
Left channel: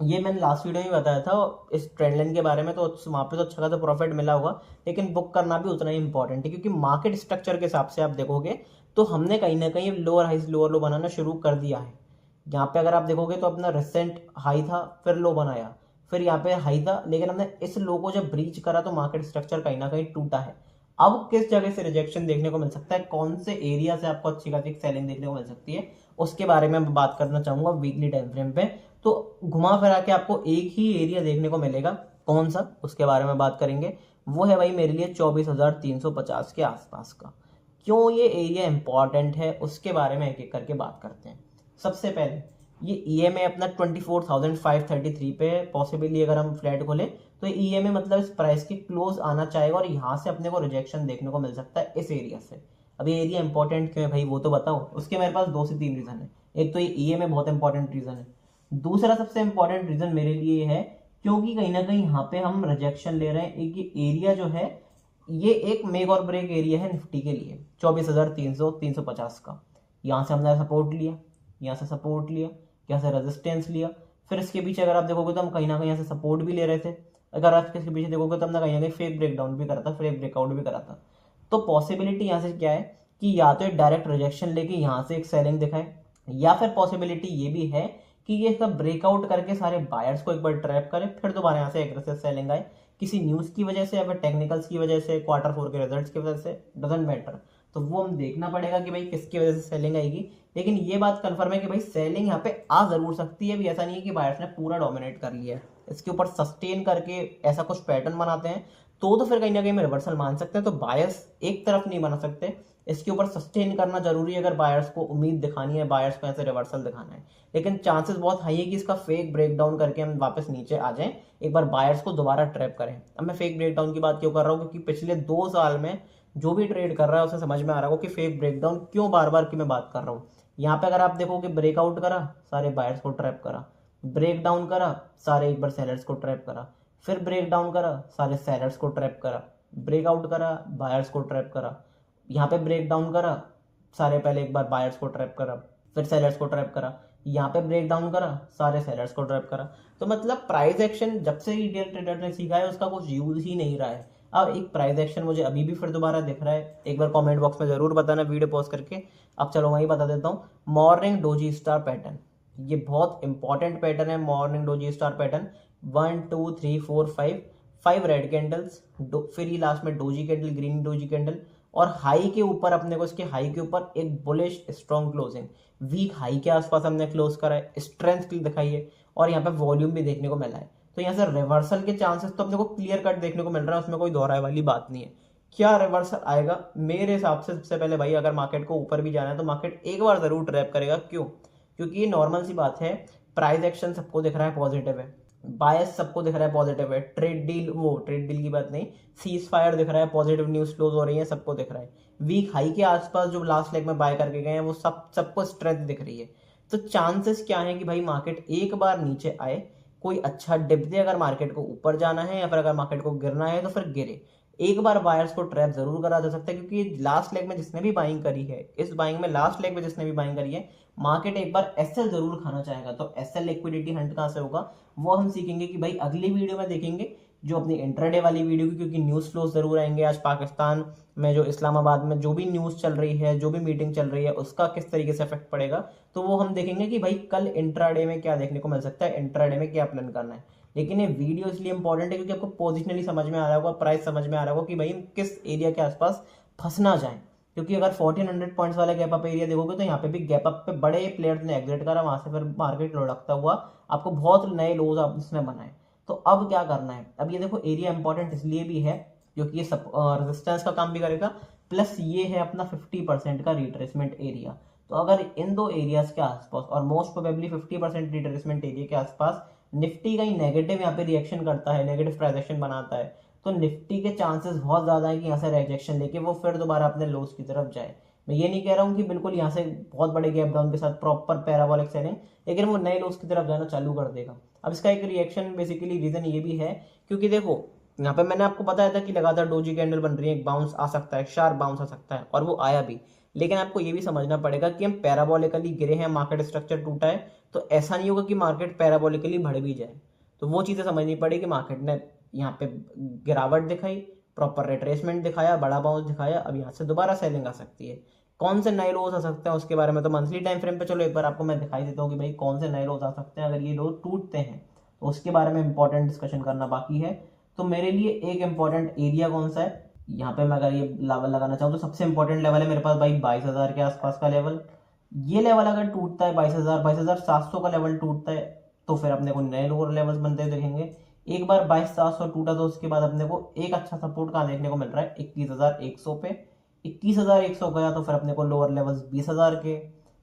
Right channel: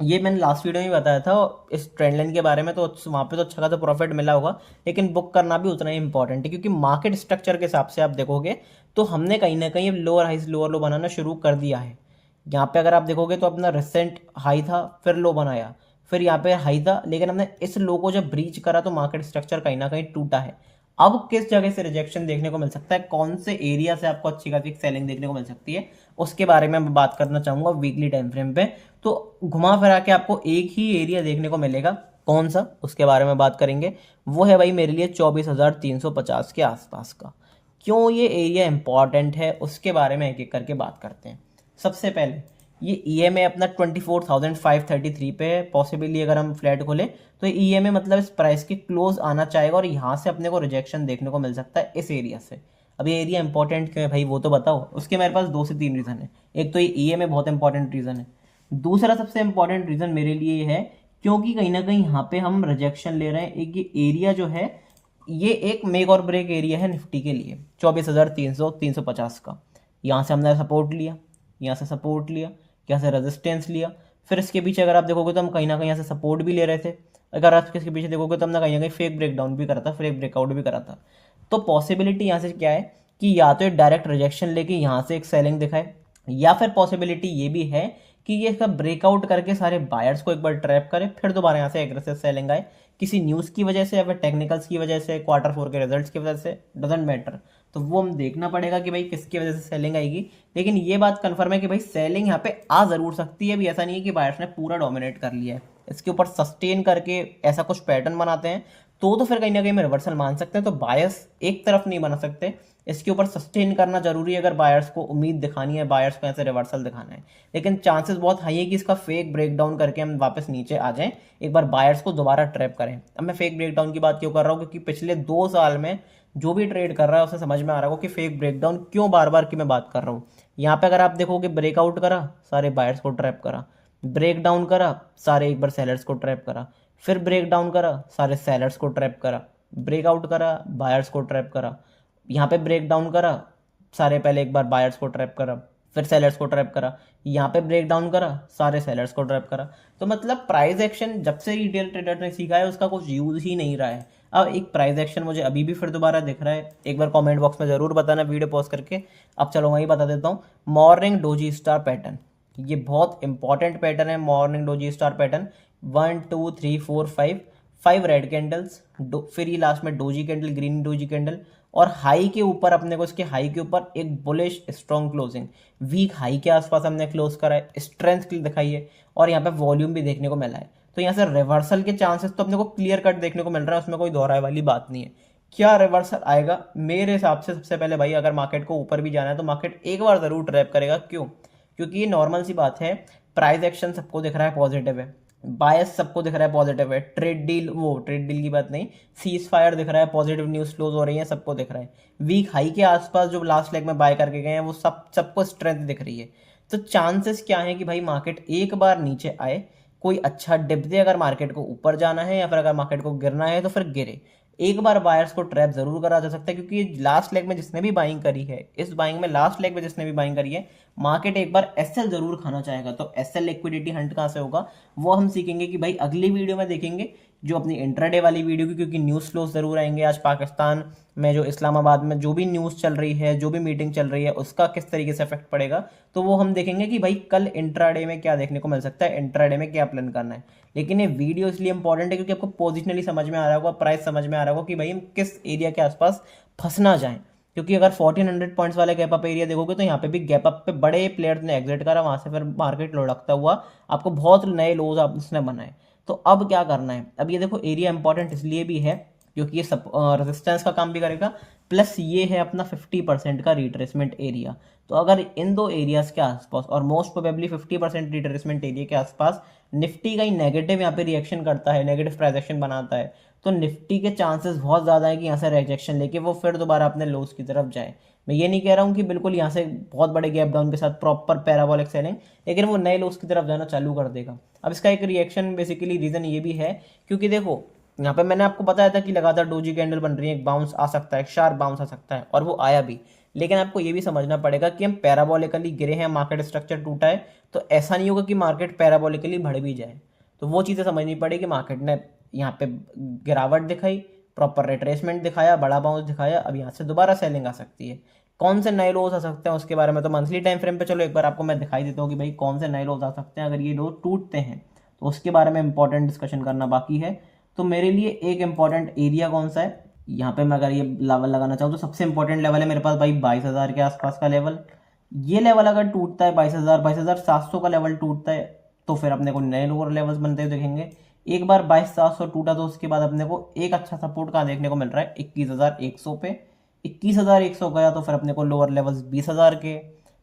ये मैंने लास्ट वीडियो में बताया था इस ट्रेंड लाइन के बारे में, तो वहाँ पे तो अच्छा खासा प्रॉफिट मिला होगा, लेकिन बुक करना भी उतना ही इंपॉर्टेंट है। क्योंकि मार्केट स्ट्रक्चर के हिसाब से आप देखोगे तो हमने कहीं ना कहीं लोअर हाई लोअर लो बनाना शुरू कर दिया है। यहाँ पे अगर आप देखोगे तो अपना रिसेंट हाई था, फिर लो बनाया, फिर यहाँ पे हाई था, लेकिन हमने इस लो को जब ब्रीच करा तो मार्केट स्ट्रक्चर कहीं ना कहीं टूटा है। अब किस जगह से रिजेक्शन देखने को मिल सकता है, कौन से एरिया से आपको अच्छी खासी सेलिंग देखने को मिल सकती है, उसके बारे में मैं बात करना चाहूंगा वीकली टाइम फ्रेम पे। तो घुमा फिरा के आपको एक ही एरिया देखने को मिलेगा, कौन सा, उसके बारे में बात करेंगे। वो है भाई मेरे लिए 24,350 के आसपास का। क्यों ये एरिया इंपॉर्टेंट है उसके बारे में एक एक करके बात करते हैं। सबसे पहले ये EMA अपना 24,533 पे है। पॉसिबली अगर हम फ्लैट खोले तो EMA मतलब इस प्राइस के क्लोज आना चाहेगा, और यहाँ से अपने को रिजेक्शन देखने को मिल सकता है इस एरिया से। अब ये एरिया इंपॉर्टेंट क्यों है भाई वो तो बताओ। उसके मेरे पास 2 से 3 रीजन है। एक तो ये EMA बहुत इंपॉर्टेंट रीजन है, दूसरा सबसे इंपॉर्टेंट रीजन मेरे लिए ये है, क्योंकि कहीं ना कहीं यहाँ पे हम रिजेक्शन ले रहे हैं। एक ये एरिया जो है, ये एक मेक और ब्रेक एरिया है निफ्टी के लिए, 24,300 350 का। यहाँ से हमने सपोर्ट लिया, यहाँ से सपोर्ट लिया, यहाँ से रेजिस्टेंस लिया, फिर इसके पीछे अगर आप देखोगे तो हम कहीं ना कहीं यहाँ से सपोर्ट भी ले रहे थे। अगर आप इसके पीछे देखोगे तो हमने कहीं ना कहीं फेक ब्रेकडाउन भी करा था, फेक ब्रेकआउट भी करा था। तो पॉसिबिलिटी यहाँ से क्या है कि या तो एक डायरेक्ट रिजेक्शन लेके यहाँ से एक सेलिंग दिखाए, या फिर पॉसिबिलिटी ये भी है कि ये इसका ब्रेकआउट करके सारे बायर्स को एक बार ट्रैप करे, फिर दोबारा यहाँ से एग्रेसिव सेलिंग आए, किसी न्यूज़ की वजह से या फिर टेक्निकल्स की वजह से, Q4 के रिजल्ट्स की वजह से, डजेंट मैटर। तो वो हम देखना पड़ेगा कि भाई किसकी वजह से सेलिंग आएगी। लेकिन ये बात कंफर्म है कि भाई सेलिंग यहाँ पे आ जरूर सकती है। अभी ऐसा नहीं है कि बायर्स ने पूरा डोमिनेट कर लिया है, इसके ऊपर सस्टेन करके ऐसा कुछ पैटर्न बनाते हैं तो फिर कहीं ना कहीं में रिवर्सल मान सकते हैं। तो बायर्स एक तरफ नहीं बना सकते, इसके ऊपर सस्टेन करना जरूरी है अगर बायर्स को उम्मीद दिखानी है, बायर्स को ऐसे रिवर्सल दिखाना है। लेकिन चांसेस बहुत हाई है कि इसका फेक ब्रेकडाउन करके हम वापस नीचे आ जाएं, एक बार बायर्स को दोबारा ट्रैप करें। अब मैं फेक ब्रेकडाउन की बात क्यों कर रहा हूँ, क्योंकि पिछले 2 साल में जो भी ट्रेड कर रहा है उसे समझ में आ रहा हो कि फेक ब्रेकडाउन क्यों बार बार की मैं बात कर रहा हूँ। यहाँ पे अगर आप देखोगे ब्रेकआउट करा, सारे बायर्स को ट्रैप करा, ब्रेक डाउन करा, सारे एक बार सेलर्स को ट्रैप करा, फिर ब्रेक डाउन करा, सारे सेलर्स को ट्रैप करा, ब्रेकआउट करा, बायर्स को ट्रैप करा, यहाँ पे ब्रेक डाउन करा, सारे पहले एक बार बायर्स को ट्रैप करा, फिर सेलर्स को ट्रैप करा, यहाँ पे ब्रेक डाउन करा, सारे सेलर्स को ट्रैप करा। तो मतलब प्राइस एक्शन जब से रिटेल ट्रेडर ने सीखा है उसका कुछ यूज ही नहीं रहा है। अब एक प्राइस एक्शन मुझे अभी भी फिर दोबारा दिख रहा है, एक बार कमेंट बॉक्स में जरूर बताना वीडियो पॉज करके। अब चलो वहीं बता देता हूँ, मॉर्निंग डोजी स्टार पैटर्न, ये बहुत इंपॉर्टेंट पैटर्न है। Morning doji star pattern 1 2 3 4 5 red candles, फिर ये लास्ट में doji candle, green doji candle, और हाई के ऊपर अपने को, इसके हाई के ऊपर एक bullish strong closing, week high के आसपास हमने क्लोज करा है, स्ट्रेंथ दिखाई है, और यहाँ पे वॉल्यूम भी देखने को मिला है। तो यहाँ से रिवर्सल के चांसेस तो अपने को क्लियर कट देखने को मिल रहा है, उसमें कोई दोहराए वाली बात नहीं है। क्या रिवर्सल आएगा मेरे हिसाब से, सबसे पहले भाई अगर मार्केट को ऊपर भी जाना है तो मार्केट एक बार जरूर ट्रैप करेगा। क्यों? क्योंकि ये नॉर्मल सी बात है, प्राइस एक्शन सबको दिख रहा है पॉजिटिव है, बायस सबको दिख रहा है पॉजिटिव है, ट्रेड डील की बात नहीं, सीज फायर दिख रहा है, पॉजिटिव न्यूज फ्लोज हो रही है, सबको दिख रहा है। वीक हाई के आसपास जो लास्ट लेग में बाय करके गए हैं वो सबको स्ट्रेंथ दिख रही है। तो चांसेस क्या है कि भाई मार्केट एक बार नीचे आए, कोई अच्छा डिप दे अगर मार्केट को ऊपर जाना है, या फिर अगर मार्केट को गिरना है तो फिर गिरे। एक बार बायर्स को ट्रैप जरूर करा जा सकता है, क्योंकि लास्ट लेग में जिसने भी बाइंग करी है, इस बाइंग में लास्ट लेग में जिसने भी बाइंग करी है, मार्केट एक बार एसएल जरूर खाना चाहेगा। तो एसएल लिक्विडिटी हंट कहां से होगा वो हम सीखेंगे कि भाई अगली वीडियो में देखेंगे, जो अपनी इंट्राडे वाली वीडियो की, क्योंकि न्यूज़ फ्लोज जरूर आएंगे। आज पाकिस्तान में जो इस्लामाबाद में जो भी न्यूज़ चल रही है, जो भी मीटिंग चल रही है, उसका किस तरीके से इफेक्ट पड़ेगा, तो वो हम देखेंगे कि भाई कल इंट्राडे में क्या देखने को मिल सकता है, इंट्राडे में क्या प्लान करना है। लेकिन ये वीडियो इसलिए इंपॉर्टेंट है क्योंकि आपको पोजिशनली समझ में आ रहा होगा, प्राइस समझ में आ रहा होगा कि भाई किस एरिया के आसपास फंसना जाए। क्योंकि अगर 1400 पॉइंट्स वाले गैप अप एरिया देखोगे तो यहाँ पे भी गैप अप पे बड़े प्लेयर्स ने एग्जिट करा, वहां से फिर मार्केट लुढ़कता हुआ आपको बहुत नए लोज उसने बनाए। तो अब क्या करना है, अब ये देखो एरिया इंपॉर्टेंट इसलिए भी है क्योंकि ये सब रेजिस्टेंस का काम भी करेगा, प्लस ये है अपना 50% का रिट्रेसमेंट एरिया। तो अगर इन दो एरियाज के आसपास, और मोस्ट प्रोबेबली 50% रिट्रेसमेंट एरिया के आसपास निफ्टी का ही नेगेटिव यहाँ पे रिएक्शन करता है, नेगेटिव प्राइस एक्शन बनाता है, तो निफ्टी के चांसेस बहुत ज़्यादा है कि यहाँ से रिजेक्शन लेके वो फिर दोबारा अपने लोस की तरफ जाए। मैं ये नहीं कह रहा हूँ कि बिल्कुल यहाँ से बहुत बड़े गैप डाउन के साथ प्रॉपर पैराबोलिक सेलिंग, लेकिन वो नए लोस की तरफ जाना चालू कर देगा। अब इसका एक रिएक्शन बेसिकली रीजन ये भी है क्योंकि देखो यहाँ पे मैंने आपको बताया था कि लगातार डोजी कैंडल बन रही है, एक बाउंस आ सकता है, शार्प बाउंस आ सकता है, और वो आया भी। लेकिन आपको ये भी समझना पड़ेगा कि हम पैराबोलिकली गिरे हैं, मार्केट स्ट्रक्चर टूटा है, तो ऐसा नहीं होगा कि मार्केट पैराबोलिकली बढ़ भी जाए। तो वो चीज़ें समझनी पड़ेगी। मार्केट ने यहाँ पे गिरावट दिखाई, प्रॉपर रिट्रेसमेंट दिखाया, बड़ा बाउंस दिखाया, अब यहाँ से दोबारा सेलिंग आ सकती है। कौन से नए लोज आ सकते हैं उसके बारे में तो मंथली टाइम फ्रेम पे चलो एक बार आपको मैं दिखाई देता हूँ कि भाई कौन से नए लोज आ सकते हैं। अगर ये लोज टूटते हैं तो उसके बारे में इंपॉर्टेंट डिस्कशन करना बाकी है। तो मेरे लिए एक इंपॉर्टेंट एरिया कौन सा है, यहाँ पे मैं अगर ये लेवल लगाना चाहूँ तो सबसे इंपॉर्टेंट लेवल है मेरे पास भाई 22,000 के आसपास का लेवल। ये लेवल अगर टूटता है 22,700 का लेवल टूटता है तो फिर अपने को नए लोअर लेवल्स बनते हुए देखेंगे। एक बार 22,700 टूटा तो उसके बाद अपने को एक अच्छा सपोर्ट कहाँ देखने को मिल रहा है, 21,100 पे। 21,100 गया तो फिर अपने को लोअर लेवल्स 20,000 के,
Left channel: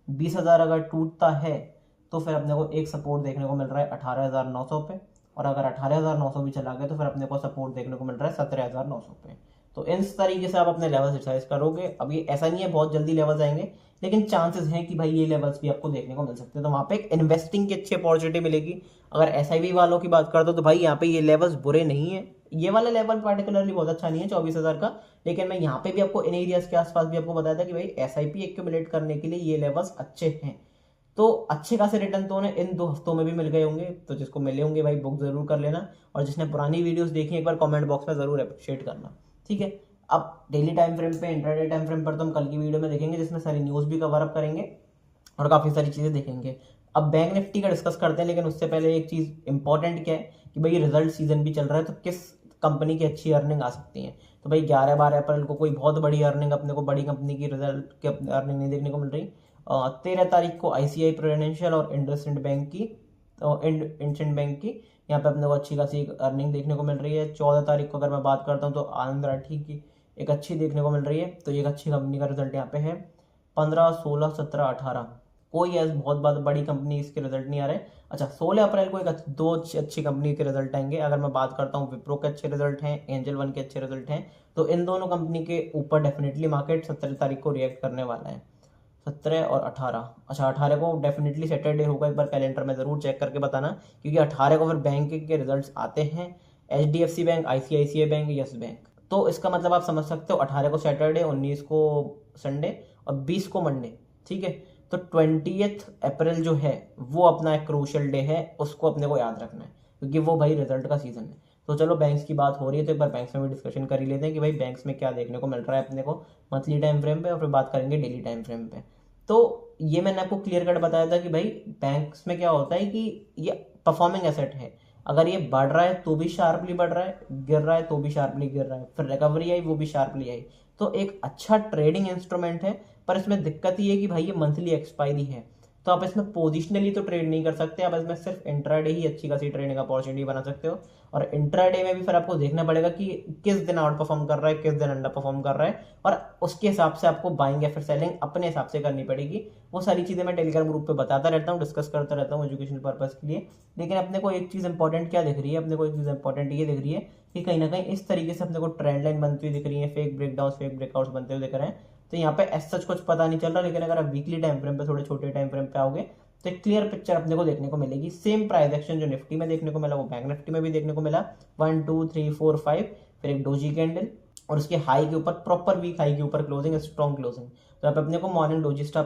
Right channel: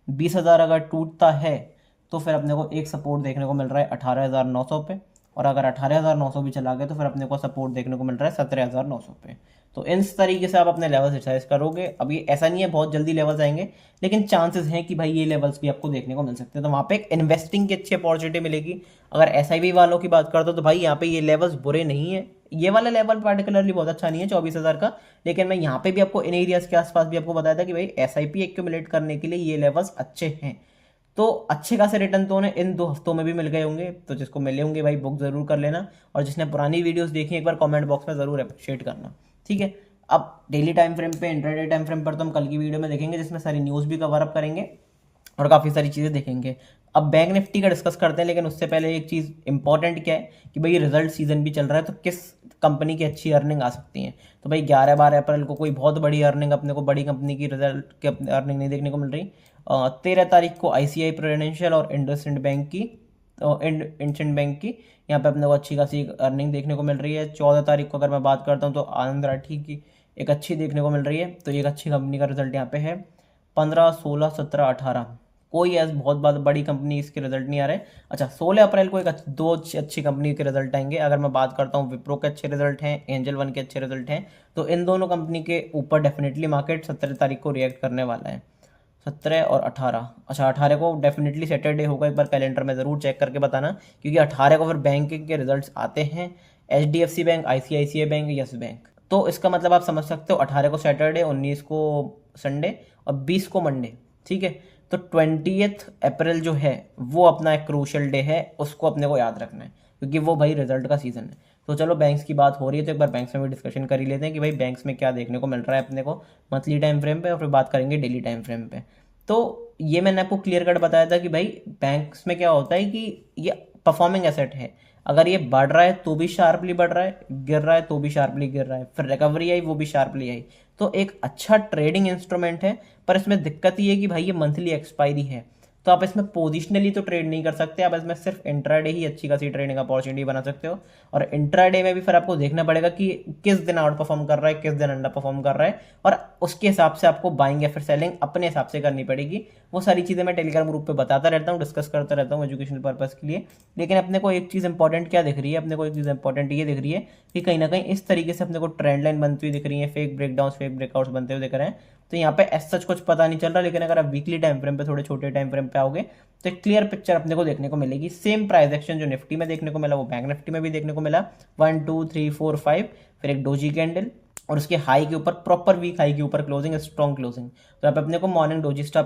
20,000 अगर टूटता है तो फिर अपने को एक सपोर्ट देखने को मिल रहा है 18,900 पे, और अगर 18,900 भी चला गया तो फिर अपने को सपोर्ट देखने को मिल रहा है 17,900 पे। तो इस तरीके से आप अपने लेवल्स एक्सरसाइज करोगे। अब ये ऐसा नहीं है बहुत जल्दी लेवल्स आएंगे, लेकिन चांसेस हैं कि भाई ये लेवल्स भी आपको देखने को मिल सकते हैं। तो वहाँ पे एक इन्वेस्टिंग की अच्छी अपॉर्चुनिटी मिलेगी। अगर SIP वालों की बात करते हो तो भाई यहाँ पे ये लेवल्स बुरे नहीं है। ये वाला लेवल पर्टिकुलरली बहुत अच्छा नहीं है 24,000 का, लेकिन मैं यहाँ पे भी आपको इन एरियाज के आसपास भी आपको बताया था कि भाई SIP एक्यूमुलेट करने के लिए ये लेवल्स अच्छे हैं। तो अच्छे खासे रिटर्न तो उन्हें इन 2 हफ्तों में भी मिल गए होंगे। तो जिसको मिले होंगे भाई बुक जरूर कर लेना, और जिसने पुरानी वीडियोस देखी एक बार कमेंट बॉक्स में जरूर अप्रिशिएट करना, ठीक है। अब डेली टाइम फ्रेम पे, इंट्राडे टाइम फ्रेम पर तो हम कल की वीडियो में देखेंगे, जिसमें सारी न्यूज़ भी कवर अप करेंगे और काफ़ी सारी चीज़ें देखेंगे। अब बैंक निफ्टी का डिस्कस करते हैं, लेकिन उससे पहले एक चीज़ इंपॉर्टेंट क्या है कि भाई रिजल्ट सीजन भी चल रहा है, तो किस कंपनी की अच्छी अर्निंग आ सकती है। तो भाई 11-12 अप्रैल को कोई बहुत बड़ी अर्निंग अपने को बड़ी कंपनी की रिजल्ट की अर्निंग नहीं देखने को मिल रही। 13 तारीख को ICICI प्रूडेंशियल और इंडसइंड बैंक की इंडसइंड बैंक की यहाँ पे अपने को अच्छी खासी अर्निंग देखने को मिल रही है। 14 तारीख को अगर मैं बात करता हूँ तो आनंद राठी की एक अच्छी देखने को मिल रही है, तो एक अच्छी कंपनी का रिजल्ट यहाँ पे है। 15, 16, 17, 18 कोई ऐसी बहुत बड़ी कंपनी इसके रिजल्ट नहीं आ रहे। अच्छा, 16 अप्रैल को दो अच्छी कंपनी के रिजल्ट आएंगे। अगर मैं बात करता हूँ विप्रो के अच्छे रिजल्ट हैं, एंजल वन के अच्छे रिजल्ट हैं, तो इन दोनों कंपनी के ऊपर डेफिनेटली मार्केट 17 तारीख को रिएक्ट करने वाला है। 17 और 18, अच्छा 18 को डेफिनेटली सैटरडे होगा, एक बार कैलेंडर में ज़रूर चेक करके बताना, क्योंकि 18 को फिर बैंकिंग के रिजल्ट्स आते हैं। HDFC bank, ICICI bank, yes bank. तो इसका मतलब आप समझ सकते हो 18 को सैटरडे, 19 को संडे और 20 को मंडे, ठीक है। तो 20 अप्रैल जो है वो अपना एक क्रूशियल डे है, उसको अपने को याद रखना है, क्योंकि वो भाई रिजल्ट का सीजन है। तो चलो बैंक्स की बात हो रही है तो एक बार बैंक्स में भी डिस्कशन कर ही लेते हैं कि भाई बैंक्स में क्या देखने को मिल रहा है अपने को मंथली टाइम फ्रेम पे, और फिर बात करेंगे डेली टाइम फ्रेम पे। तो ये मैंने आपको क्लियर कट बताया था कि भाई बैंक्स में क्या होता है कि ये परफॉर्मिंग एसेट है। अगर ये बढ़ रहा है तो भी शार्पली बढ़ रहा है, गिर रहा है तो भी शार्पली गिर रहा है, फिर रिकवरी आई वो भी शार्पली आई। तो एक अच्छा ट्रेडिंग इंस्ट्रूमेंट है, पर इसमें दिक्कत ये है कि भाई ये मंथली एक्सपायरी है, तो आप इसमें पोजिशनली तो ट्रेड नहीं कर सकते। आप इसमें सिर्फ इंट्राडे ही अच्छी खासी ट्रेडिंग अपॉर्चुनिटी बना सकते हो, और इंट्राडे में भी फिर आपको देखना पड़ेगा कि किस दिन आउट परफॉर्म कर रहा है, किस दिन अंडर परफॉर्म कर रहा है, और उसके हिसाब से आपको बाइंग या फिर सेलिंग अपने हिसाब से करनी पड़ेगी। वो सारी चीज़ें मैं टेलीग्राम ग्रुप पे बताता रहता हूँ, डिस्कस करता रहता हूँ एजुकेशनल पर्पज़ के लिए। लेकिन अपने को एक चीज़ इंपॉर्टेंट क्या दिख रही है, अपने को एक चीज़ इंपॉर्टेंट ये दिख रही है कि कहीं ना कहीं इस तरीके से अपने को ट्रेंड लाइन बनती हुई दिख रही है, फेक ब्रेकडाउन, फेक ब्रेकआउट्स बनते हुए दिख रहे हैं। तो यहाँ पे एज सच कुछ पता नहीं चल रहा, लेकिन अगर आप वीकली टाइम फ्रेम पे, थोड़े छोटे टाइम फ्रेम पे आओगे तो एक क्लियर पिक्चर अपने को देखने को मिलेगी। सेम प्राइस एक्शन जो निफ्टी में देखने को मिला वो बैंक निफ्टी में भी देखने को मिला। 1, 2, 3, 4, 5, फिर एक डोजी कैंडल, और उसके हाई के ऊपर प्रॉपर वीक हाई के ऊपर क्लोजिंग, स्ट्रॉन्ग क्लोजिंग। तो आप अपने को मॉर्निंग डोजी स्टार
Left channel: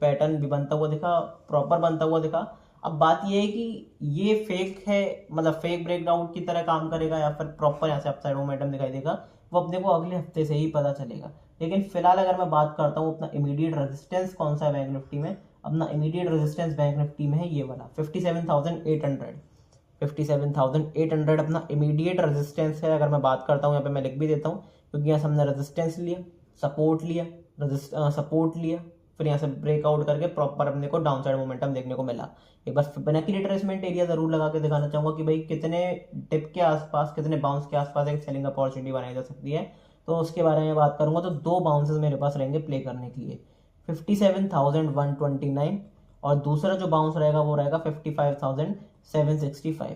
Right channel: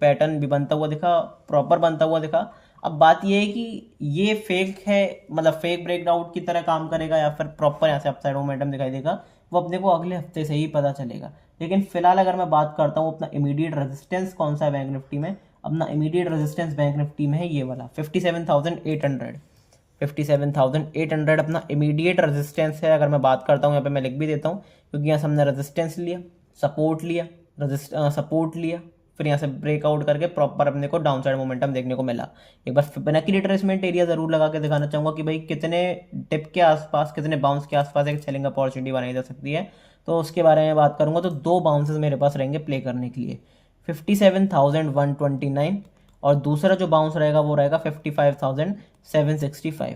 पैटर्न भी बनता हुआ दिखा, प्रॉपर बनता हुआ दिखा। अब बात ये है कि ये फेक है, मतलब फेक ब्रेकडाउन की तरह काम करेगा या फिर प्रॉपर यहाँ से अपसाइड मोमेंटम दिखाई देगा, वो अपने को अगले हफ्ते से ही पता चलेगा। लेकिन फिलहाल अगर मैं बात करता हूँ अपना इमीडिएट रेजिस्टेंस कौन सा है बैंक निफ्टी में, अपना इमीडिएट रेजिस्टेंस बैंक निफ्टी में है ये वाला 57,800। 57,800 अपना इमीडिएट रेजिस्टेंस है। अगर मैं बात करता हूँ यहाँ पे मैं लिख भी देता हूँ, क्योंकि यहाँ से हमने रेजिस्टेंस लिया, सपोर्ट लिया, सपोर्ट लिया, फिर यहाँ से ब्रेकआउट करके प्रॉपर अपने को डाउन साइड मोमेंटम देखने को मिला। एक बार फिबोनाची रिट्रेसमेंट एरिया जरूर लगा के दिखाना चाहूंगा कि भाई कितने टिप के आसपास, कितने बाउंस के आसपास एक सेलिंग अपॉर्चुनिटी बनाई जा सकती है। तो उसके बारे में बात करूंगा तो 2 बाउंसेस मेरे पास रहेंगे प्ले करने के लिए, 57,129, और दूसरा जो बाउंस रहेगा वो रहेगा 55,765।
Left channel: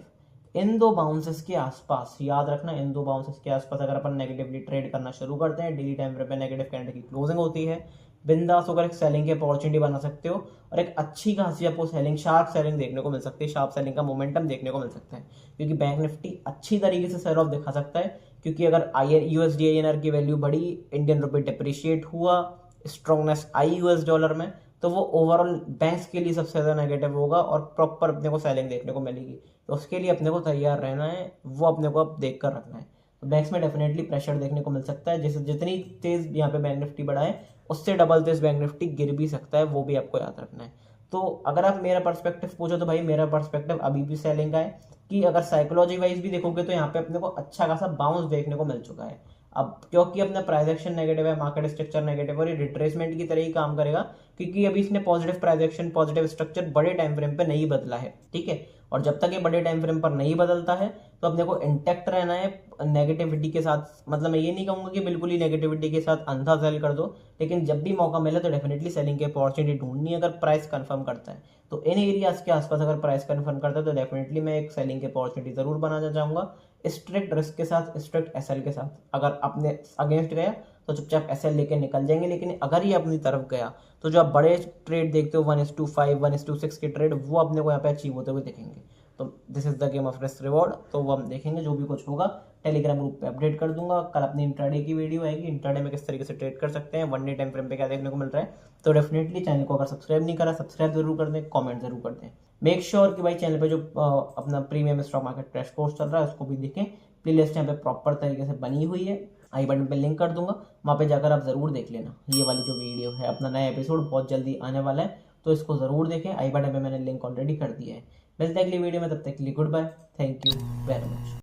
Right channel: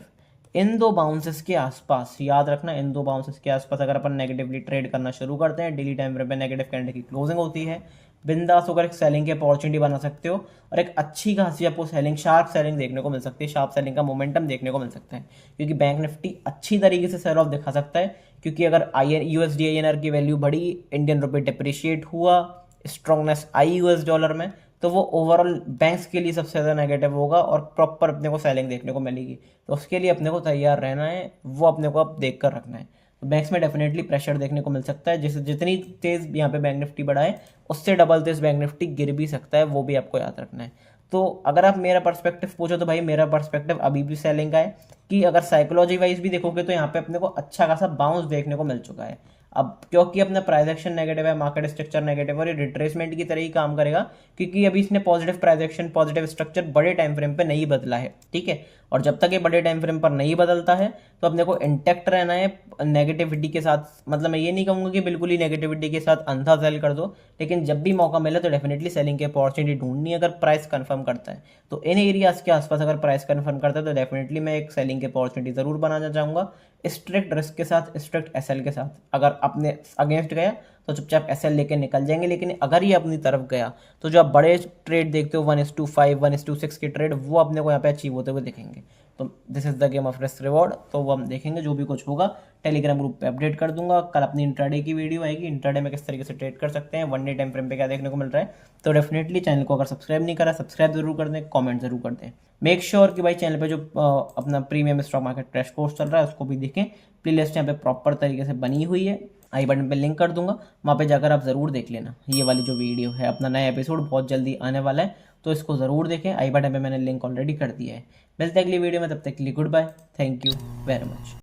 इन 2 बाउंसेस के आसपास याद रखना, इन 2 बाउंसेस के आसपास अगर अपन नेगेटिवली ट्रेड करना शुरू करते हैं, डेली टाइम फ्रेम पे नेगेटिव कैंडल की क्लोजिंग होती है, बिंदास होकर एक सेलिंग की अपॉर्चुनिटी बना सकते हो, और एक अच्छी खासी आपको सेलिंग, शार्प सेलिंग देखने को मिल सकती है, शार्प सेलिंग का मोमेंटम देखने को मिल सकता है। क्योंकि बैंक निफ्टी अच्छी तरीके से सेल ऑफ दिखा सकता है, क्योंकि अगर USD INR की वैल्यू बढ़ी, इंडियन रुपये डिप्रिशिएट हुआ, स्ट्रॉन्गनेस आई यूएस डॉलर में, तो वो ओवरऑल बैंक्स के लिए सबसे ज़्यादा नेगेटिव होगा और प्रॉपर अपने को सेलिंग देखने को मिलेगी। तो उसके लिए अपने को तैयार रहना है, वो अपने को अब देख कर रखना है। तो बैंक्स में डेफिनेटली प्रेशर देखने को मिल सकता है, जैसे जितनी तेज़ यहाँ पे बैंक निफ्टी बढ़ा है उससे डबल तेज़ बैंक निफ्टी गिर भी सकता है, वो भी आपको याद रखना है। तो अगर आप मेरा पर्सपेक्टिव पूछो तो भाई मेरा पर्सपेक्टिव अभी भी सेलिंग का है, कि अगर साइकोलॉजी वाइज भी देखोगे तो यहाँ पे अपने को अच्छा खासा बाउंस देखने को मिल चुका है। अब क्योंकि अपना प्राइस एक्शन नेगेटिव है, मार्केट स्ट्रक्चर नेगेटिव है, और ये रिट्रेसमेंट की तरह ही काम करेगा, क्योंकि अभी इसने positive price action, positive structure बड़े टाइम फ्रेम पे नहीं बदला है, ठीक है। और जब तक ये बड़े टाइम फ्रेम पर नहीं बदलता है तो अपने को इंटेक्ट रहना है नेगेटिविटी के साथ। मतलब मैं ये नहीं कहूँगा कि बिल्कुल ही नेगेटिविटी के साथ अंधा सेल कर दो, लेकिन जब भी मौका मिले तो डेफिनेटली सेलिंग की अपॉर्चुनिटी ढूंढनी है। अगर प्राइस कंफर्म करता है तो इन एरियाज के आसपास अगर प्राइस कंफर्म करता है तो डेफिनेटली मैं एक सेलिंग की अपॉर्चुनिटी जरूर बनाना चाहूँगा। स्ट्रिक्ट रिस्क के साथ, स्ट्रिक्ट एसएल के साथ। अगर अपने अगेंस्ट गया तो चुपचाप एसएल लेके निकल जाएंगे, लेकिन अगर ये अपनी तरफ गया तो जो आप बड़े ट्रेड देखते हो 1:5, 1:6 के ट्रेड, वो अपने को यहाँ पे अचीव होते हुए दिखेंगे। तो this is the game of risk reward. तो वो हम देखेंगे, जो भी कुछ होगा टेलीग्राम ग्रुप पे अपडेट कर दूंगा। कल अपनी इंट्राडे की वीडियो आएगी, इंट्राडे में किस तरीके से ट्रेड कर सकते हैं, वन डे टाइम फ्रेम पे क्या देखने को मिल रहा है। तो डेफिनेटली चैनल को अगर सब्सक्राइब नहीं करा, सब्सक्राइब जरूर कर दें, कमेंट जरूर कर दें। मेक श्योर कि भाई चैनल पे जो अपना premium stock market crash course चल रहा है उसको भी देखें। प्लेलिस्ट यहाँ पे प्रॉपर तरीके से बनी हुई है, आई बटन पे लिंक कर दूंगा, वहाँ पे जाकर आप ज़रूर देख लेना। ये वाली जो वीडियो है, अपना नया एपिसोड बहुत जल्दी आने वाला है, तो इसको ज़रूर देखें। आई बटन पे मैंने लिंक ऑलरेडी कर दिया है। मिलते हैं अगली वीडियो में, तब तक के लिए goodbye, thank you very much.